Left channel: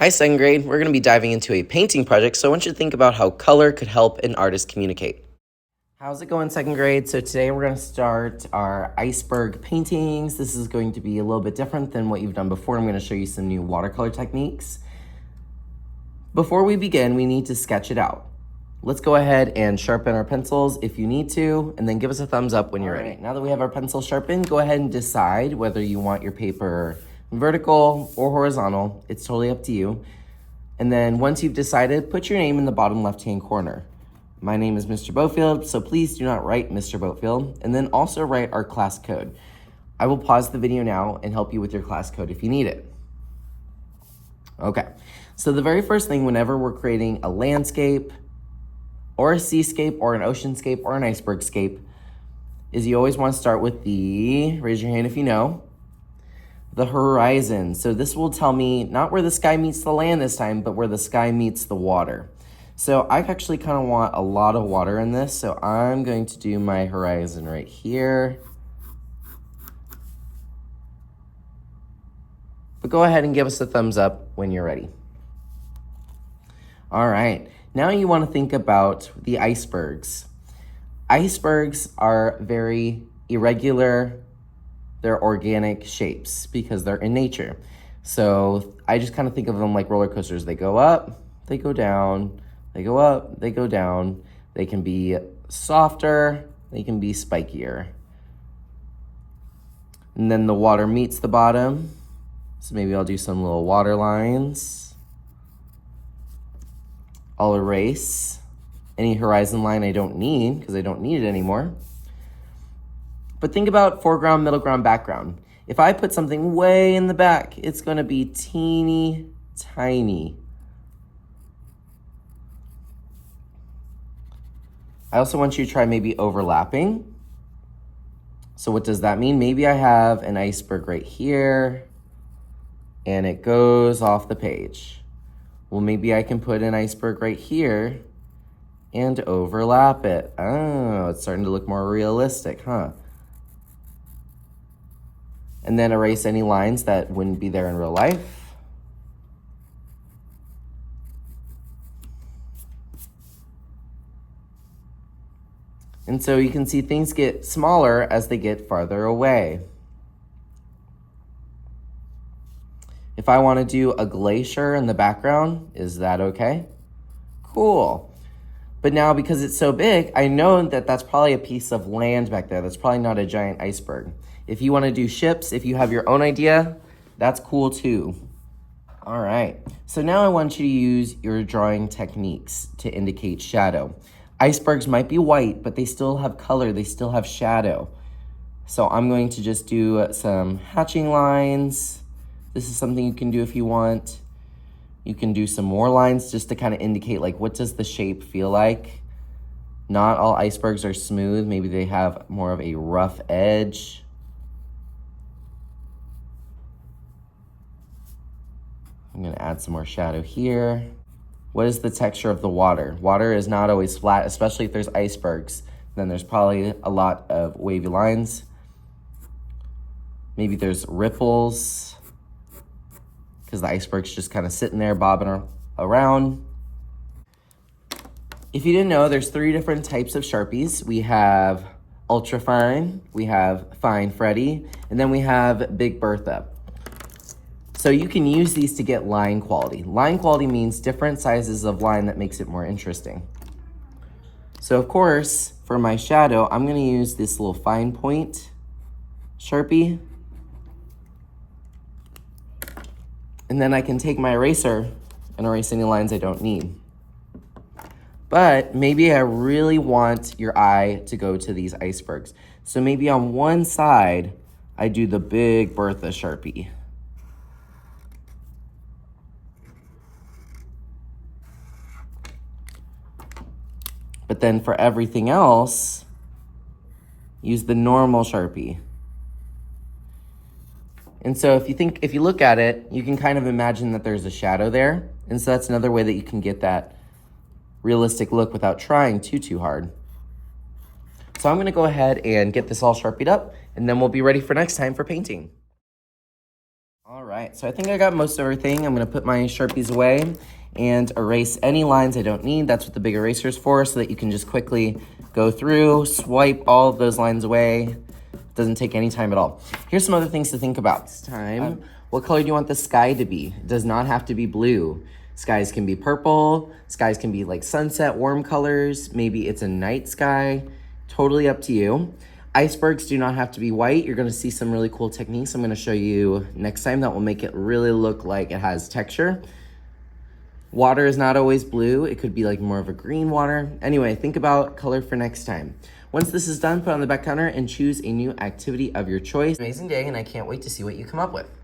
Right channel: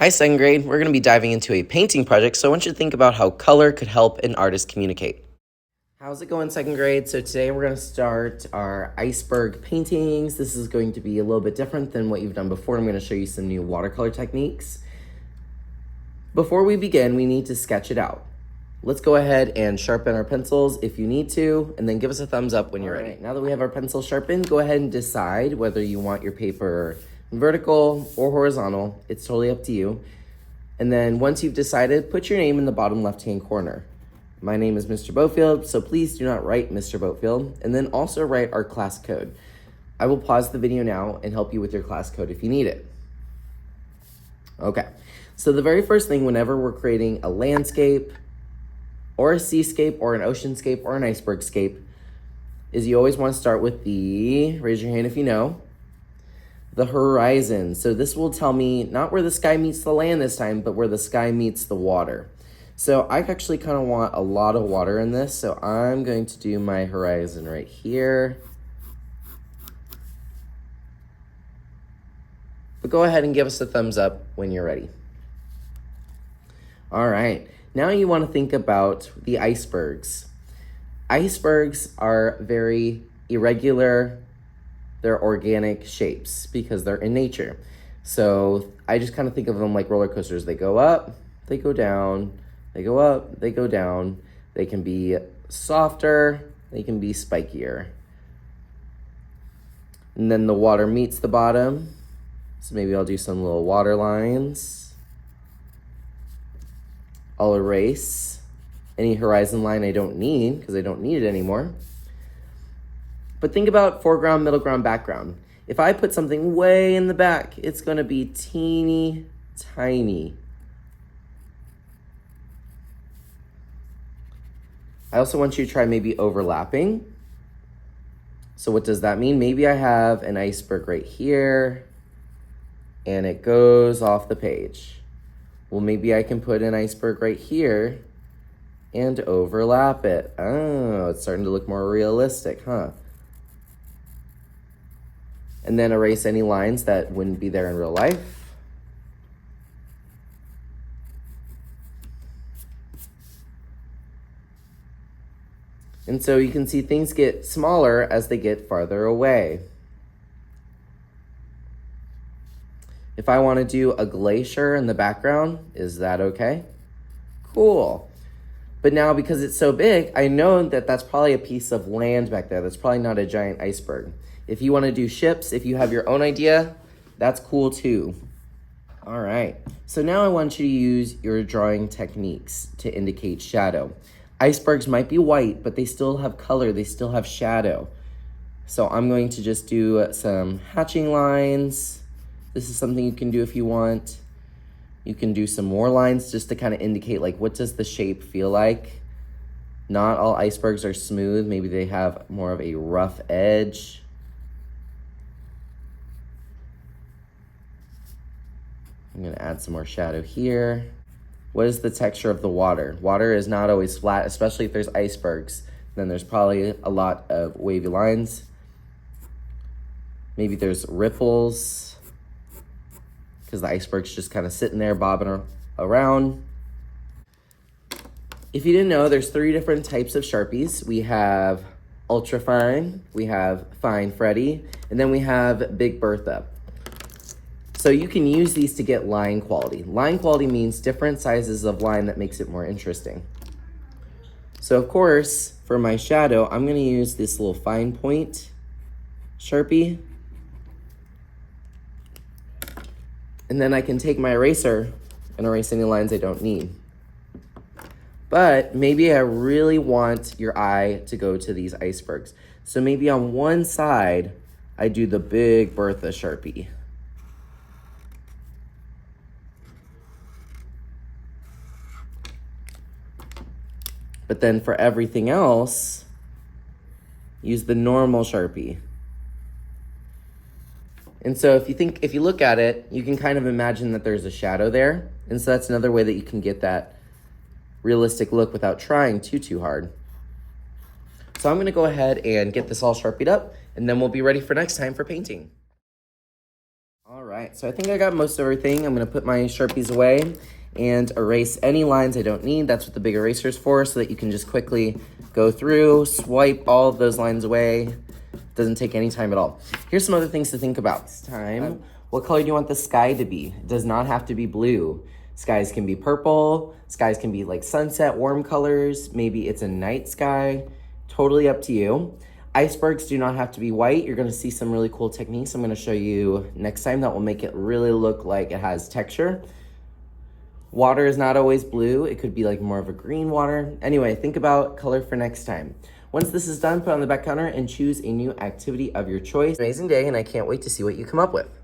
Hi, second grade. We're going to be diving into a painting project, so I want you to think about how color could help an artist communicate. How's it going, second grade? So today we're going to start our iceberg paintings. This is going to be a little bit different than what you've done before. I'm going to show you some new watercolor techniques. Before we begin, we need to sketch it out. Let's go ahead and sharpen our pencils if you need to, and then give us a thumbs up when you're ready. Now that we have our pencils sharpened, go ahead and decide whether you want your paper vertical or horizontal. It's totally up to you. And then once you've decided, put your name in the bottom left-hand corner. My name is Mr. Bofield, so please do not write Mr. Bofield, and then also write our class code. I will pause the video now and help you with your class code if you need it. Okay, so the very first thing whenever we're creating a landscape or a seascape or an oceanscape or an icebergscape is you always want to start with raise your hand if you know, the horizon. So this will tell me not where the sky meets the land this time, but where the sky meets the water. So I actually kind of want a lot of water in this, so I'm going to do my horizon right here. But go ahead and give us a thumbs up when you're ready. All right, now you want to think about the icebergs. Icebergs are very irregular. They're organic shapes because they're in nature. So I just kind of think of them like roller coasters. They go up, they go down, they go up, they go down. They can be softer, they can be spikier. And then the water meets the bottom. So maybe I'll do some little water lines. I'll erase any horizon line I don't need because I don't need it anymore. But think about foreground, middle ground, background. If I put something way in the back, it's gonna be teeny tiny. I also want you to try maybe overlapping. So what does that mean? Maybe I have an iceberg right here and it goes off the page. Well, maybe I can put an iceberg right here and overlap it. Oh, it's starting to look more realistic, huh? And then erase any lines that wouldn't be there in real life. And so you can see things get smaller as they get farther away. If I want to do a glacier in the background, is that okay? Cool. But now because it's so big, I know that that's probably a piece of land back there. That's probably not a giant iceberg. If you want to do ships, if you have your own idea, that's cool too. All right, so now I want you to use your drawing techniques to indicate shadow. Icebergs might be white, but they still have color, they still have shadow. So I'm going to just do some hatching lines. This is something you can do if you want. You can do some more lines just to kind of indicate like what does the shape feel like. Not all icebergs are smooth, maybe they have more of a rough edge. I'm gonna add some more shadow here. What is the texture of the water? Water is not always flat, especially if there's icebergs. Then there's probably a lot of wavy lines. Maybe there's ripples because the iceberg's just kind of sitting there bobbing around. If you didn't know, there's 3 different types of Sharpies. We have Ultra Fine, we have Fine Freddy, and then we have Big Bertha. So you can use these to get line quality. Line quality means different sizes of line that makes it more interesting. So of course, for my shadow, I'm gonna use this little fine point Sharpie. And then I can take my eraser and erase any lines I don't need. But maybe I really want your eye to go to these icebergs. So maybe on one side, I do the Big Bertha Sharpie. But then for everything else, use the normal Sharpie. And so if you look at it, you can kind of imagine that there's a shadow there. And so that's another way that you can get that realistic look without trying too hard. So I'm gonna go ahead and get this all Sharpied up, and then we'll be ready for next time for painting. All right. right, so I think I got most of everything. I'm gonna put my Sharpies away and erase any lines I don't need. That's what the big eraser is for, so that you can just quickly go through, swipe all of those lines away. Doesn't take any time at all. Here's some other things to think about. This time, what color do you want the sky to be? It does not have to be blue. Skies can be purple, skies can be like sunset, warm colors, maybe it's a night sky, totally up to you. Icebergs do not have to be white. You're gonna see some really cool techniques I'm gonna show you next time that will make it really look like it has texture. Water is not always blue. It could be like more of a green water. Anyway, think about color for next time. Once this is done, put it on the back counter and choose a new activity of your choice. Amazing day, and I can't wait to see what you come up with.